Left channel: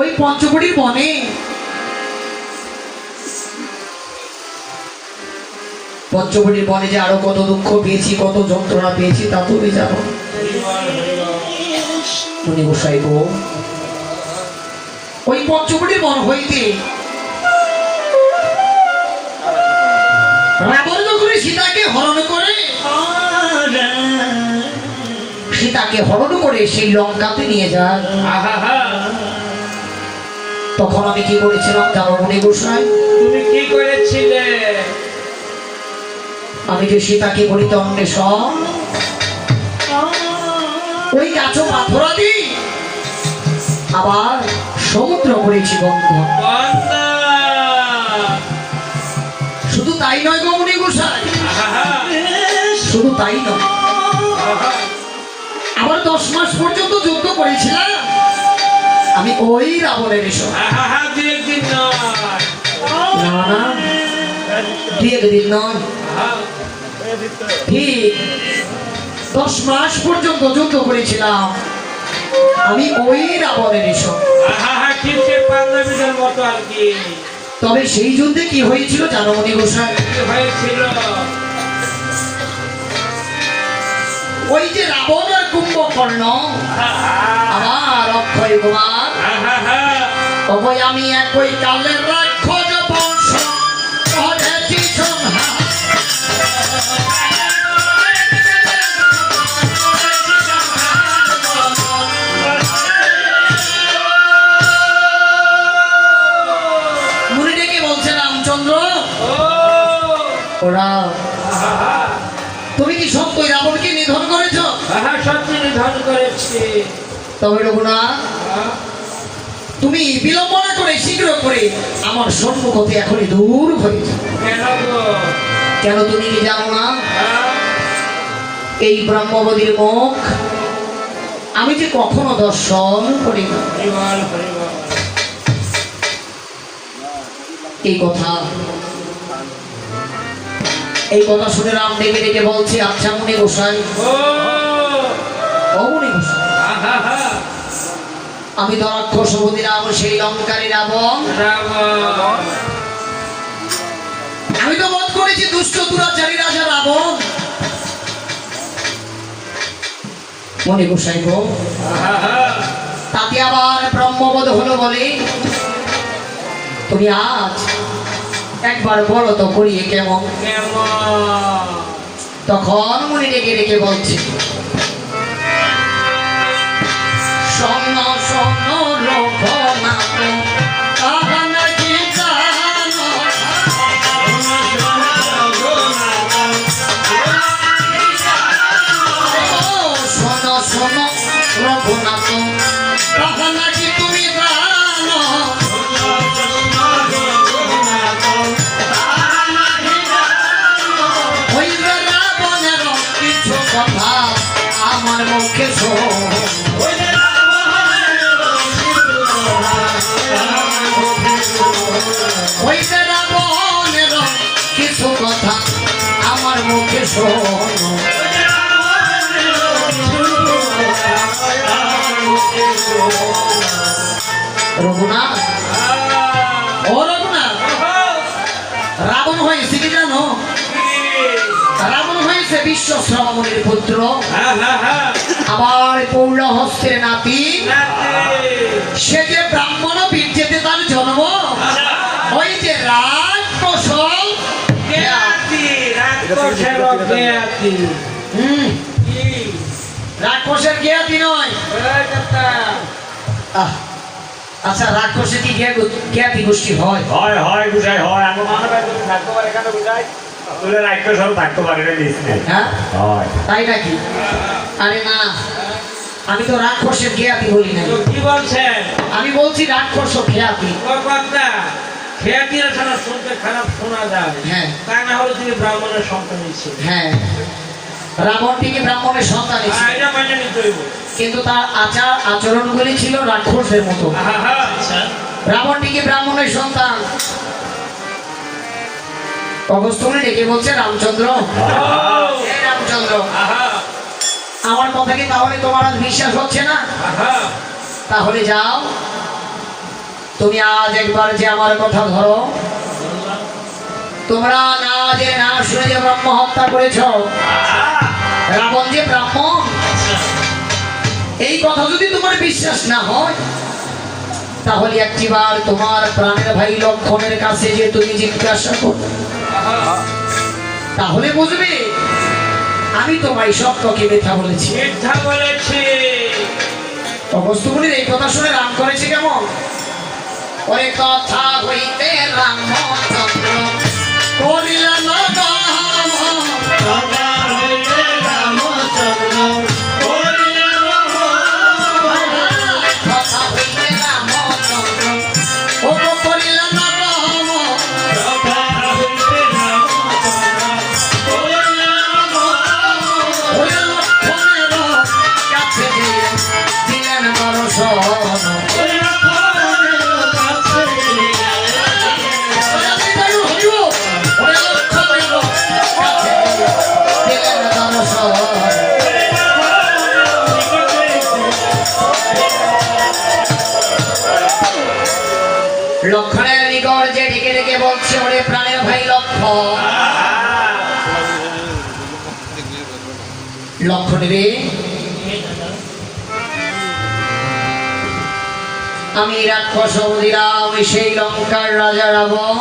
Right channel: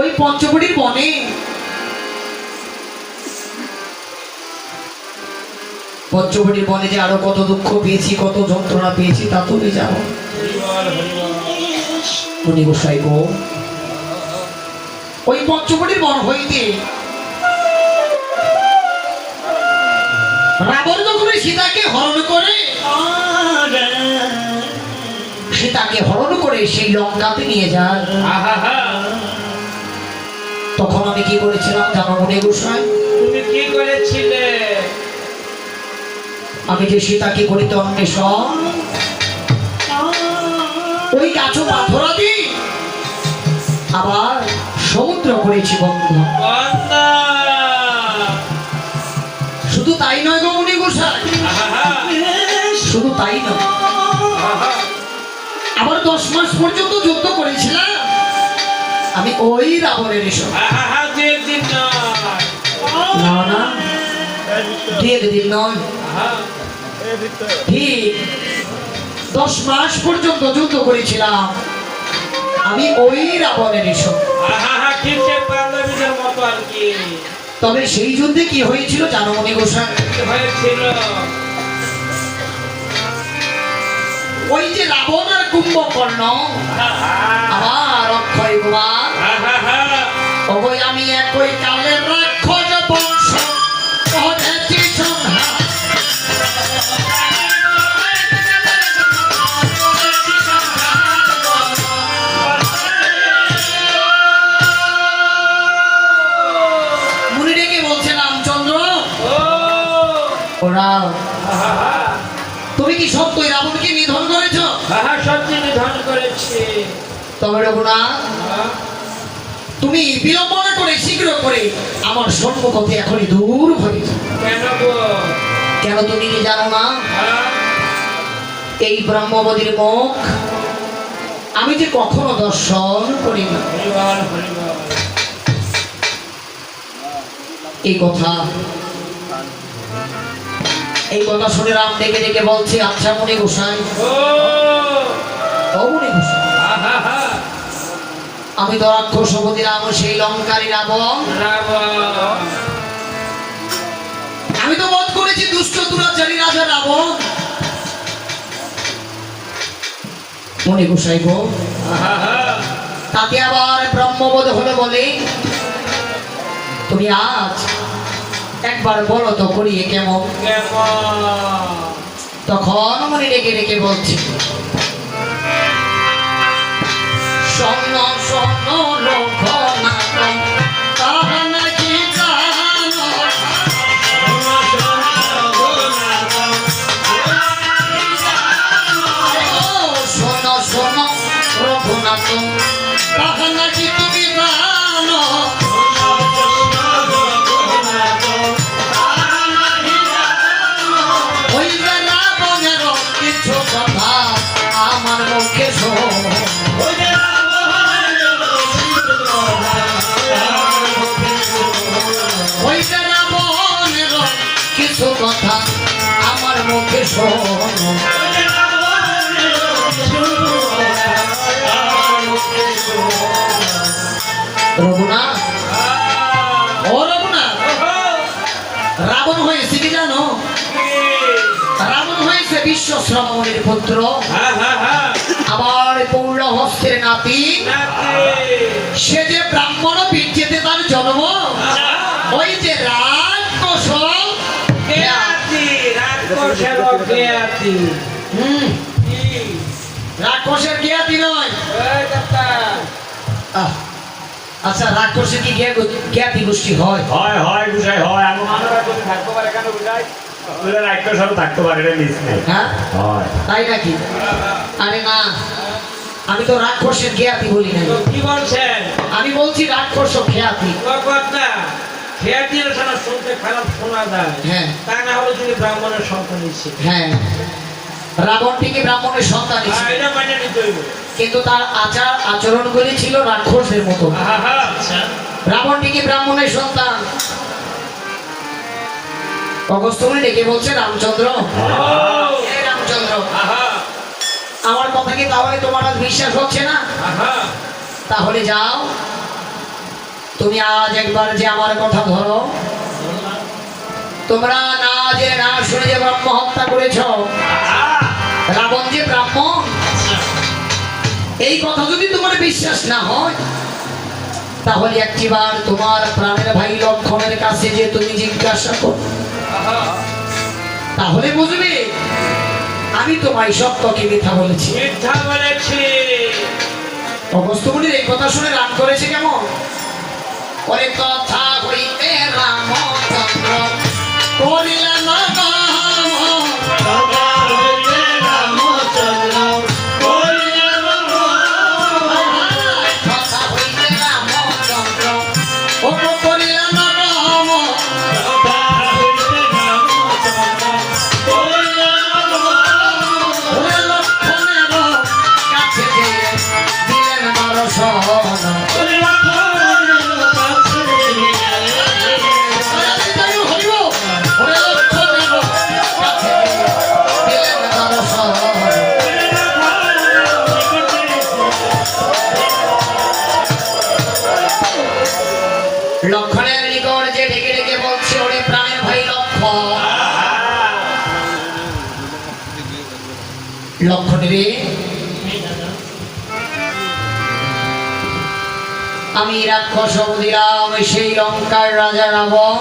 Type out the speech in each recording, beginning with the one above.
ওই পঞ্চবটির বনে পঞ্চবটির বনে যে আরো কত দুঃখ পেয়েছি, কত যন্ত্রণা পেয়েছি তা তুমি জানো। মুনি গোসাই গো, ওই পঞ্চবটির বন হইতে রাবণ যখন সীতাকে হরণ করে সেই লঙ্কাতে নিয়ে যান, তখন আমি কি করেছিলাম জানো মুনি গোসাই? তুমি কি করেছিলে? আমি যে সীতাকে করিতে অন্বেষণ, ওই গাছ পাথর দি আবার সমুদ্র করেছি বন্ধু। শুধু তাই নয় গো মুনি গোসাই, শুধু তাই নয়, আবার 10 মাস পর্যন্ত যুদ্ধ করেছিলাম আমি ওই রাবণের এসব। দিন নয়, ঠিক 10 মাস পর্যন্ত যুদ্ধ করেছিলাম আমি ওই রাবণের এসব। তবে সেই যুদ্ধে কি হয়েছিল জানো মুনি গোসাই? ওই যে রাবণ আর কুম্ভকর্ণ, আমার অক্ষয় কুমার, ওই আমি একই কালের রাক্ষস বংশ করেছি সংহার। মুনি ডেকে বলছে রামচন্দ্র, ওরা তুমি কি সত্যই রাবণকে নিধন করেছ? সত্যি নিধন করেছি। তবে রঘুনাথ, তুমি বিলম্ব না করে শীঘ্র করে আমার সম্মুখ হতে এখনই দূর হয়ে যাও। কেন তুমি কি জানো না? এই ব্রহ্মবদীর মুখ আমি যে কখনো দর্শন করিনি। এই কথা শুনে রাম ডেকে ডেকে বলছে, আচ্ছা মুনি গোসাই, ও মুনি গোসাই, আমি তো রাক্ষস বদিলাম সেই লঙ্কারী রাবণ, আমি তো বধ করেছি দুষ্ট দুরাচারী রাজা রাবণ। মুনি গোসাই গো, তাতে আবার ব্রহ্মবোধ হলো বলে তুমি আজ একবার বলো তো করিয়ে কেমন? তখন মুনি ডেকে ডেকে বলছি, রঘুনাথ, ও রঘুনাথ, রাবণ হয়েছে কি জানো? রাবণ হয়েছে বিশ্বশ্রমণের পুত্র, আবার পৌর হস্তের নাতি। সে যে ব্রাহ্মণ বীর্যেতে তার জন্ম, ওই যে রাক্ষসের জ্ঞাতি নয়। আচ্ছা, রাক্ষসের কি জ্ঞাতি গোষ্ঠী হয়? হয় হয় বুঝাই হয়। এমন মানুষ থাকতে পারে কেন বুঝাই? রাক্ষস থাকতে পারে হ্যাঁ, তাই নাকি? আরে না, আমি তো রাক্ষসের জ্ঞাতি বলি না। কি বলছেন? আমি বলছি রাক্ষস খ্যাতি। শুনতে খারাপ শোনা যায়, হ্যাঁ, তা না হলে তিনি ব্রাহ্মণের সন্তান ছিলেন। হ্যাঁ, রাবণ ঠিকই ব্রাহ্মণের সন্তান ছিল, কিন্তু তার আচার আচরণ গুলি ছিল রাক্ষসের মতো। রাবণ ঠিকই ব্রাহ্মণের সন্তান। অগস্ত্যমুনি ডেকে বলছে, রামচন্দ্র, রামচন্দ্র, আমার কথা কি তাহলে তোমার আজ বিশ্বাস হচ্ছে না? তাহলে যাও, তুমি আজ একবার যে আমার কথা ধরো, তোমরা না যে না শুনে যে ব্রহ্ম হত্যা করেছ, রাবণ যে ব্রাহ্মণ, এই কথা যদি তোমার বিশ্বাস না হয়, তাহলে একটিবার তোমার প্রাণের ভাই লক্ষণের কাছে যে তুমি জিজ্ঞাসা করো, তাহলে বুঝবে আমি তোমায় সত্যকে মিথ্যা বলেছি। মিথ্যা বলেছি। অবস্থাগুলির এই কথা শুনে রাম করেছে কেমন? ওই কথা হইতে রামচন্দ্র করিলেন গর্ব, তোমার হইতে রামচন্দ্র করিলেন গর্ব। কথা হইতে রামচন্দ্র ও করিলেন গর্ব, তোমার হইতে রামচন্দ্র করিলেন গর্ব। ওই লক্ষণের কাছে দিয়ে দিলেন দর্শন। লক্ষণের নিকট যে ডেকে ডেকে বলছে, ওরে প্রাণের ভাই লক্ষণ, লক্ষণ রে, আমি রাক্ষস দিলাম সেই লঙ্কার রাজা রাবণ,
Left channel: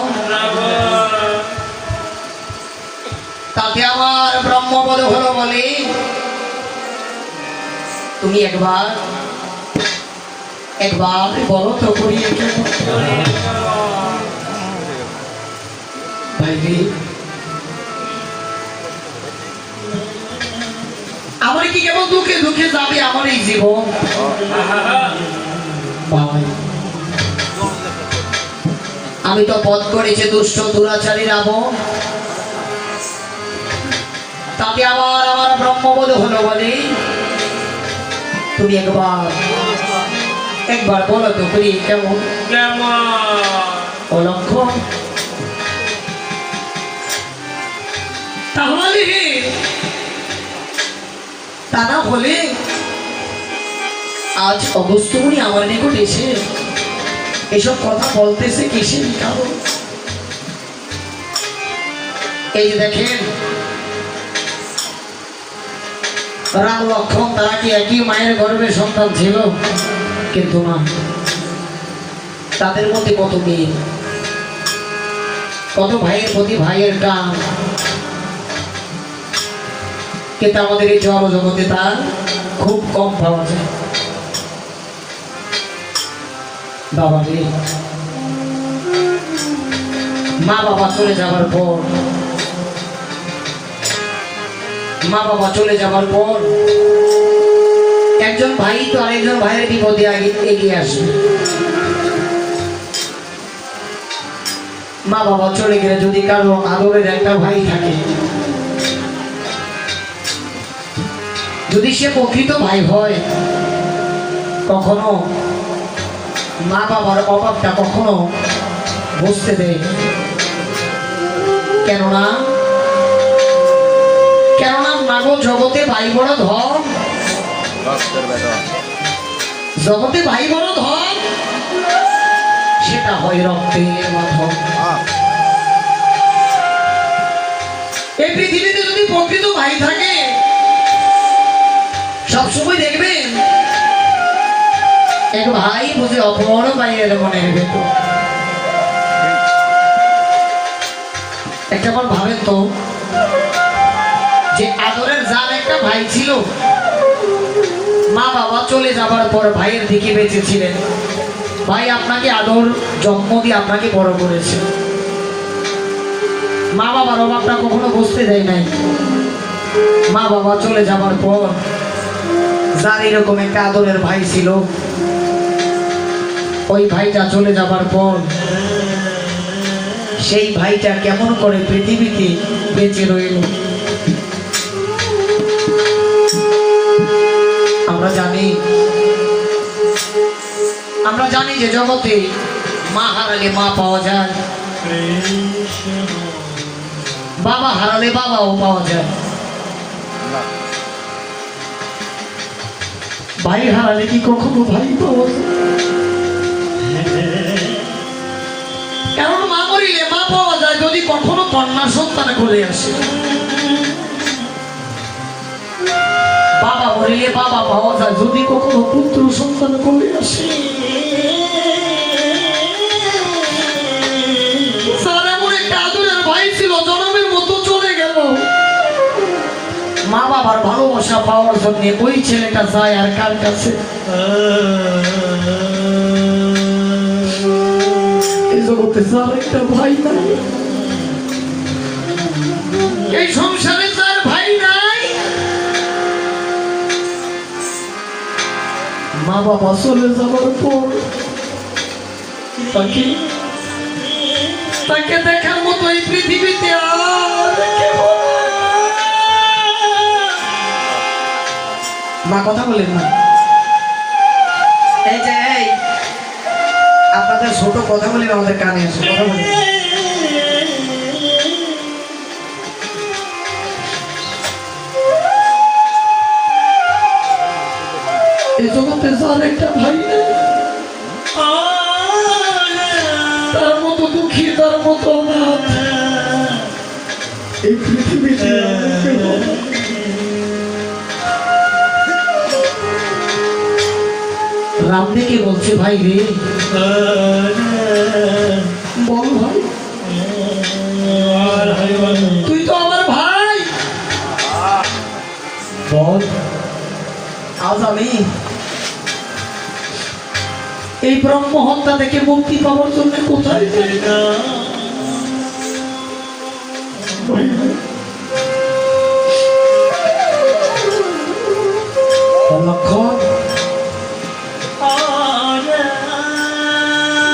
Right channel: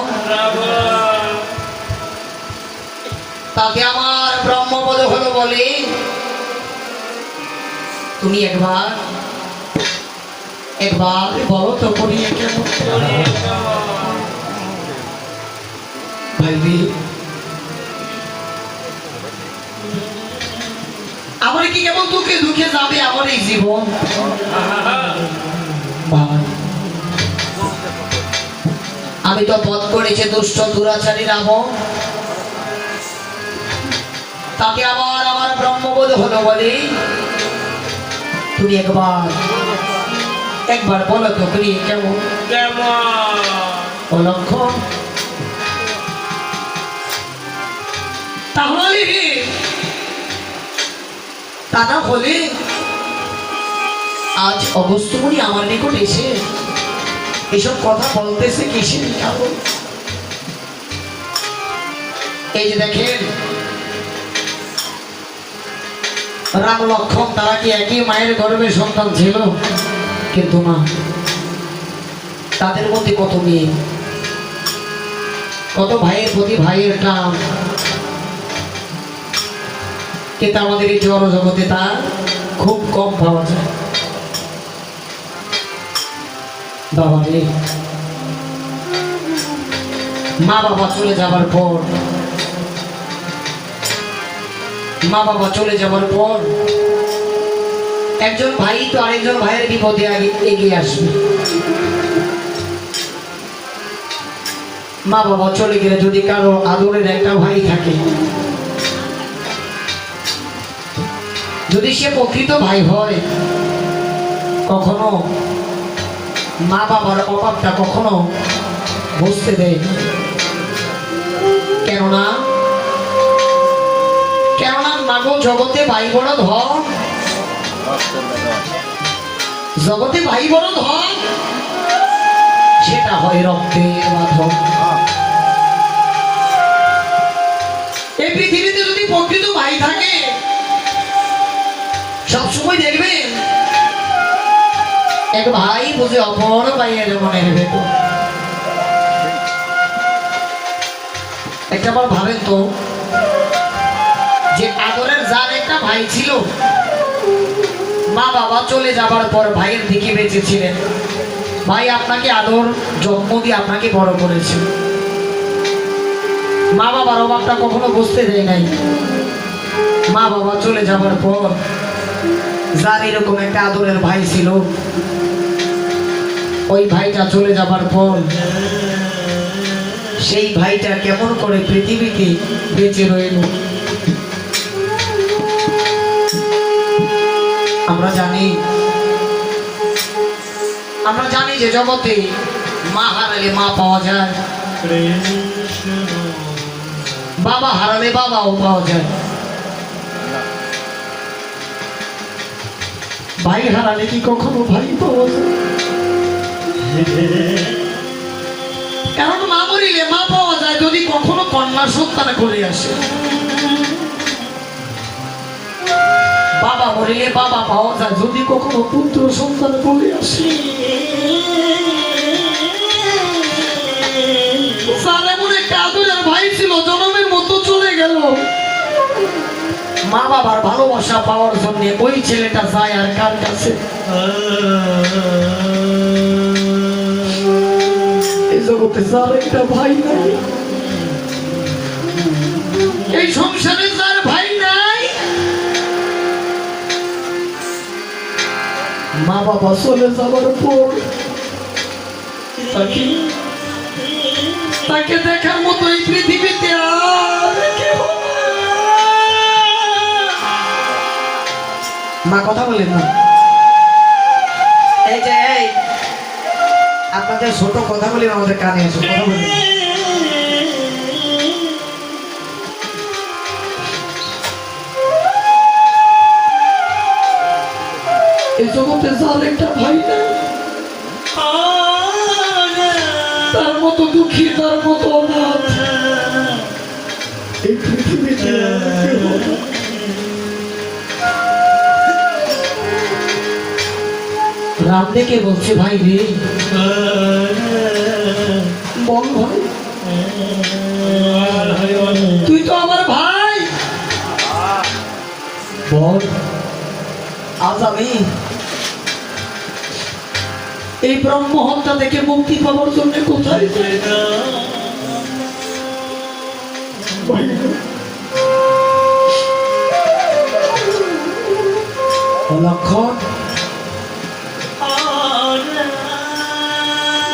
তাতে আমার ব্রহ্মবোধ হলো বলে তুমি একবার বলো তো করি ভাই, আমার কি কেবল দুঃখে দুঃখে যাবে আমার এই জীবন? ভাই, আমি তো পথ করেছি দুষ্ট দুরাচারী রাবণ, তাকে আমার ব্রহ্মবোধ হলো বলে তুমি একবার বলো তো তুমি কেমন অলক্ষণ? তাহলে তা না হলে আজ অগস্ত্যমুনি আমার নিকট এসে এসব কথা বলতেছে কিসের কারণ? এই যে দেখেন, রাম লক্ষণ তারা কি একই মায়ের গর্ভের সন্তান ছিল? কিন্তু না, তাদের মধ্যে কত মেয়ে, কত ভাইয়ের প্রতি ভাইয়ের টান, কিন্তু আমাদের এই জড় জগতে তা খুব কম পাওয়া যায়। বাবা রে, মা বাবা চলে যাওয়ার পর, একজন ভাই তো আরেকজন ভাইয়ের বিপদে এগিয়ে আসবে। মা বাবা চলে গেলে যদি কারো আদরের একটা ভাই থাকে, যদি সে প্রকৃত ভাই হয়, কখনো মা বাবার অভাবটা কখনো বুঝতে দেয়। কেননা মাগো জগতে ভাই বড় ধন, জগতে ভাই বড় ধন, সেটা হয় রক্তের মাধব। এই পৃথিবীতে যদি প্রকৃত ভাই থাকে, সবসময় দেখবেন এক ভাই বুঝে অপর ভাইয়ের মনের ভেতর। একটা বার ভাবেন তো, যে আদরের যার একটা ভাই ছিল, মা বাবা চলে যাবার পর ভাইয়ের দিকে বেঁচেছিলেন, ভাই আপনাকে আদর যত্ন দিয়ে আপনাকে বড় করেছে, মা বাবার অভাবটা কখনো বুঝতে দেয় নাই। মা বাবা চলে যাবার পর যার এরকম একটা আদরের ভাই ছিল, ওই ভাইটা চলে যাবার পর সেই ভাইটা কেমন করে পৃথিবীতে বেঁচে রইল। আমরা জানি যে জগতে মা হারালে মা পাওয়া যায়, বাবা হারালে বাবাও পাওয়া যায়, ভাই হারালে কি কখনো ভাই পাওয়া যায়? কারণ মা মরিলে মা পাওয়া যায় যদি কখনো কন্যা সন্তান করে আসে, বাবা মরিলে বাবা পাওয়া যায় যদি কখনো পুত্র সন্তান করে আসে। স্যার এমন একটা আদরের ভাই ছিল, জনমের মতো চলে গেল। মা বাবার ভালোবাসা পাওয়ার জন্য ওই ছেলেটা যায় আর কার কাছে? এই জগতে স্যার একটা ভাই নাই, এই সংসারে স্যার ভাই নাই। মা বাবা চলে যাওয়ার পর তাকে দেখার মতো এই পৃথিবীতে আর কেউ নাই। মা কথা বলেন না, এই যে এই আপনাদের ছোট কথা বলি আমাদের কানে আসে, কথা বলি। এই জগতে যার একটা ভাই নাই, তার মতো দুঃখী, তার মতো অনাথ এই পৃথিবীতে রাম দেখে বলছে, ভাই রে বল ভাই, তুই তো আমার ভাই, বল আজ আমি এই ব্রহ্ম হত্যা থেকে মুক্তি পাওয়ার জন্য কোথায় যাই? লক্ষণ,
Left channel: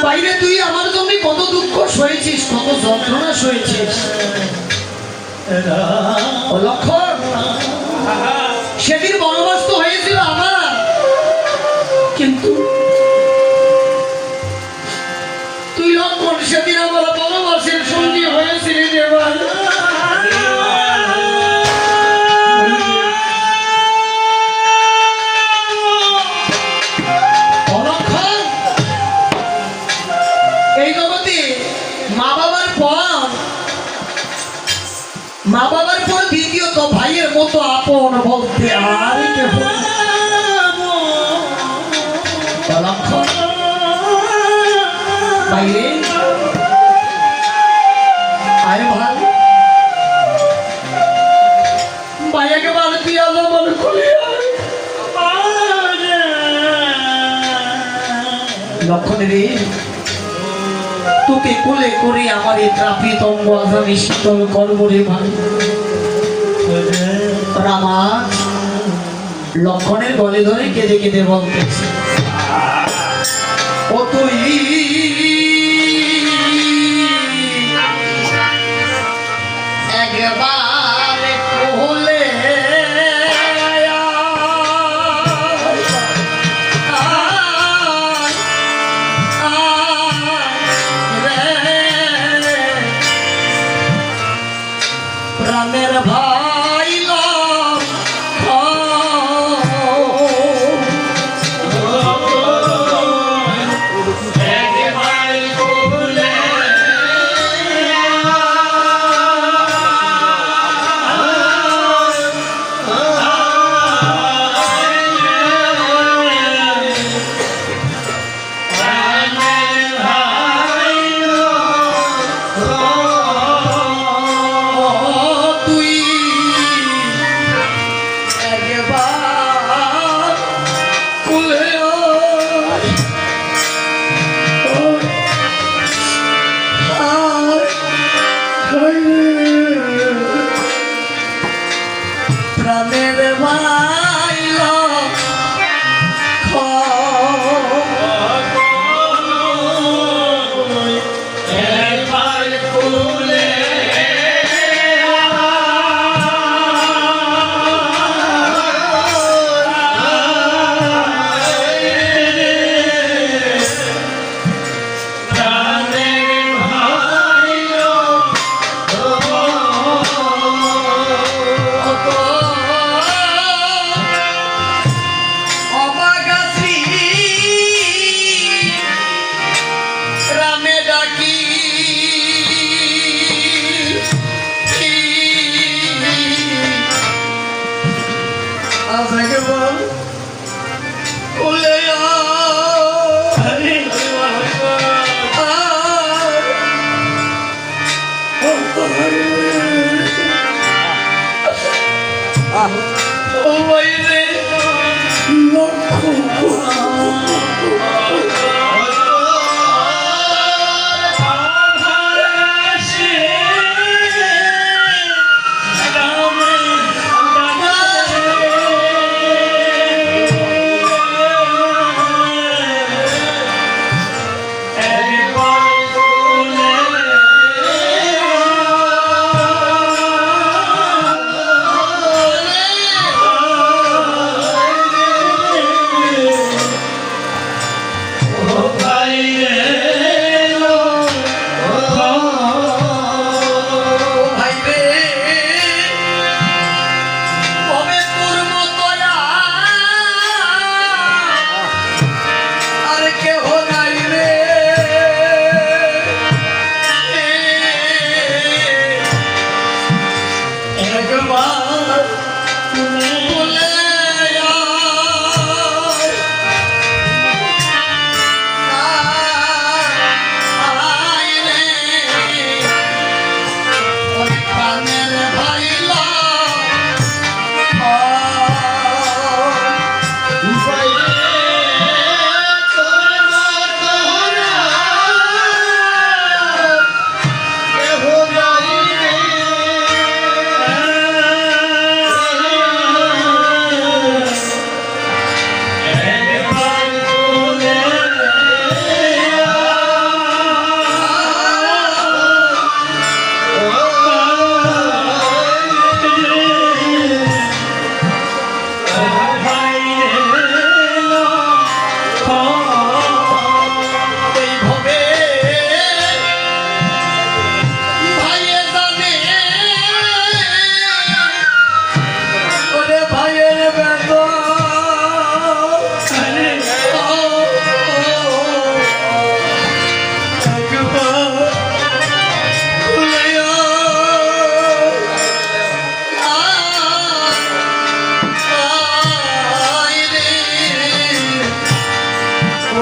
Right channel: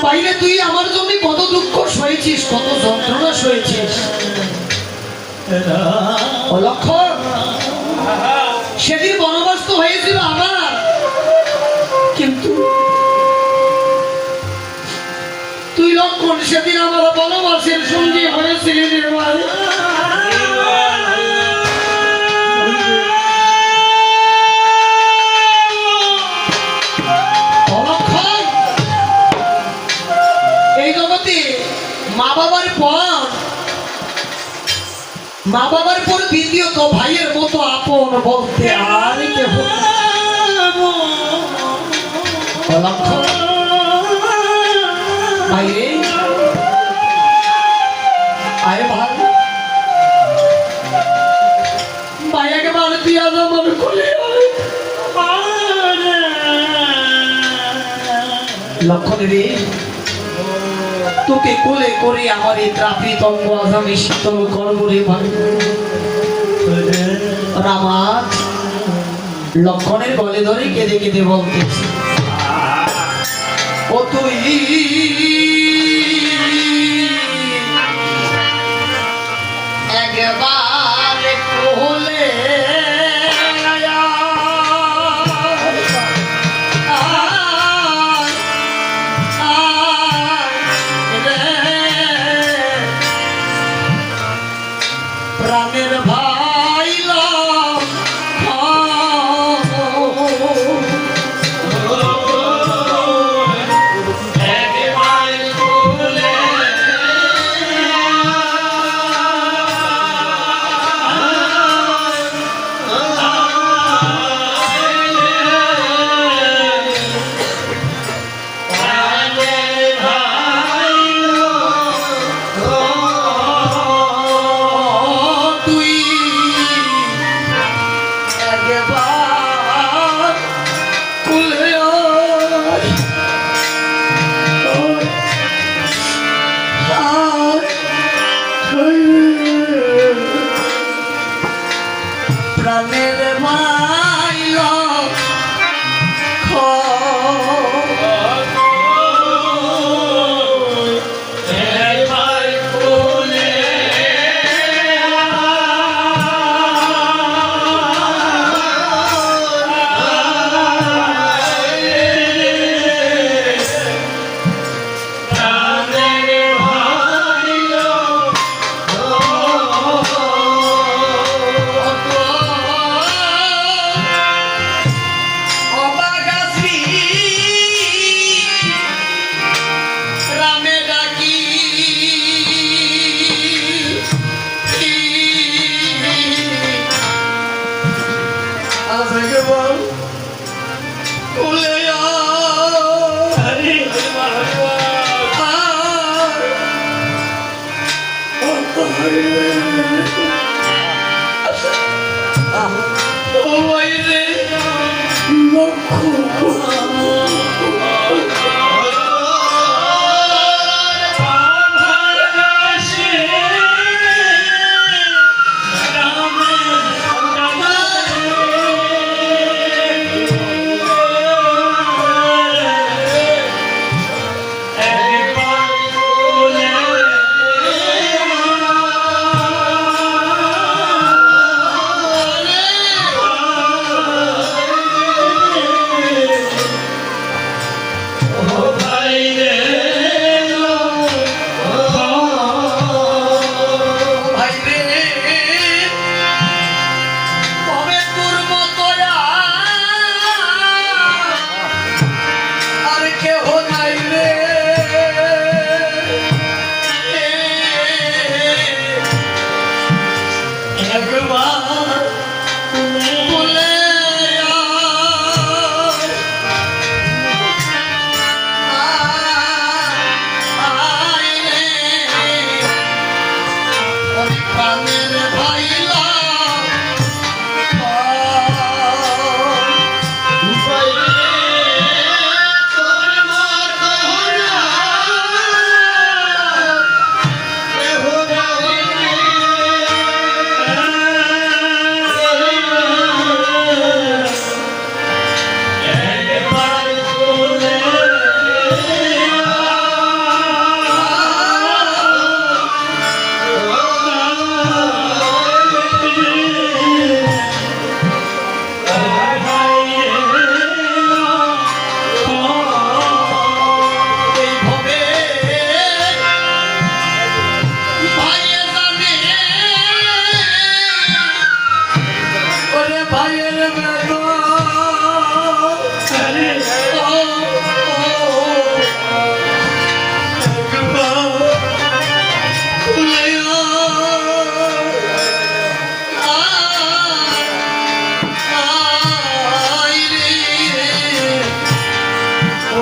বাইরে তুই আমার জন্য কত দুঃখ সয়েছিস, কত যন্ত্রণা সয়েছিস। লক্ষণ, সেদিন বনবাস তো হয়েছিল আমার, কিন্তু তুই লক্ষণ সেদিন আমার বনবাসের সঙ্গী হয়েছিলি রে ভাই। এই জগতে মা বাবার পর দ্বিতীয়ত ভাইয়ের মতো আপন বলতে আর কেউ বাইরে আয় ভাই, ভাই একেবারে দিয়া যাবার খুলে লক্ষণ রে, তোকে কোলে করে আমার এই ত্রাপিত অঙ্গ আজ আমি শীতল করবো রে ভাই। আমার লক্ষণের গলে ধরে কেঁদে কেঁদে বলতেছে, ও তুই একবার কোলে প্রাণের ভাই লক্ষণ।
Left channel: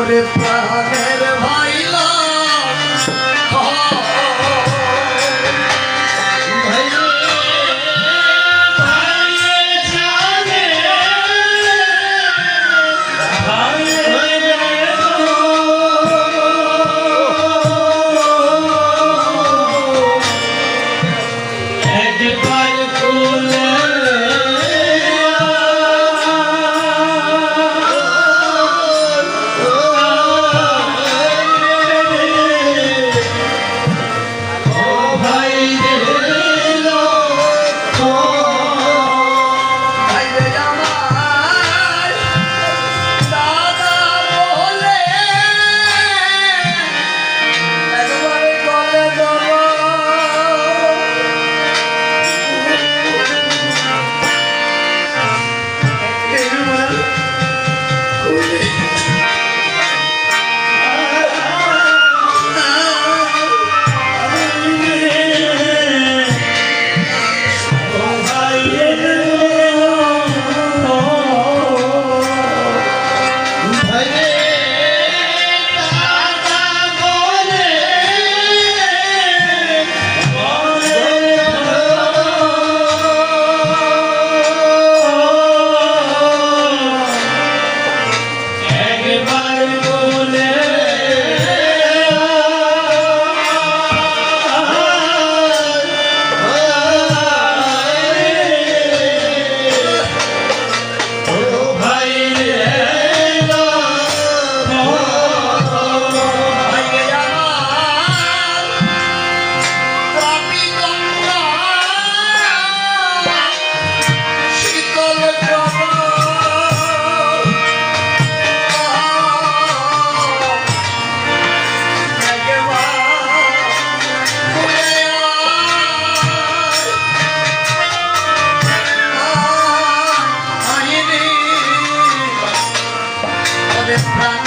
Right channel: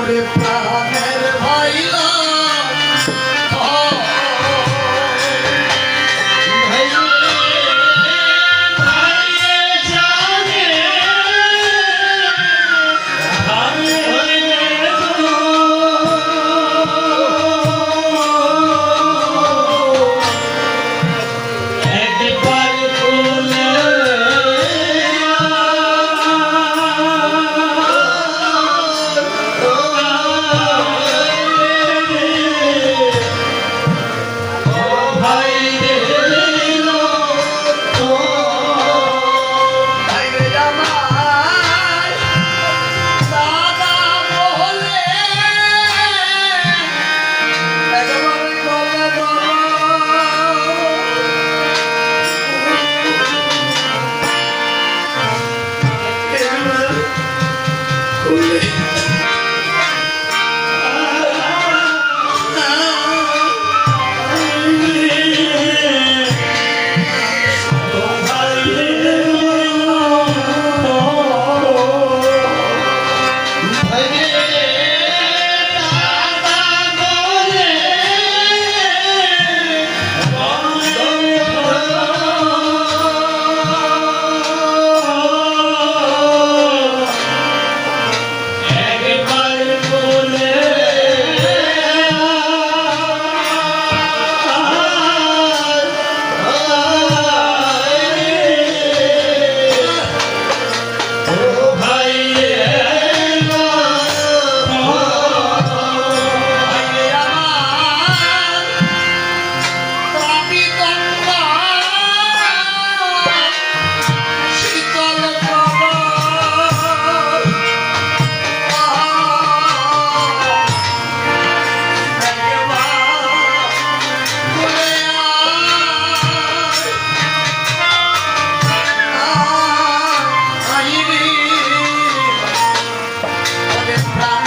ওরে প্রাণের ভাইলা প্রাণ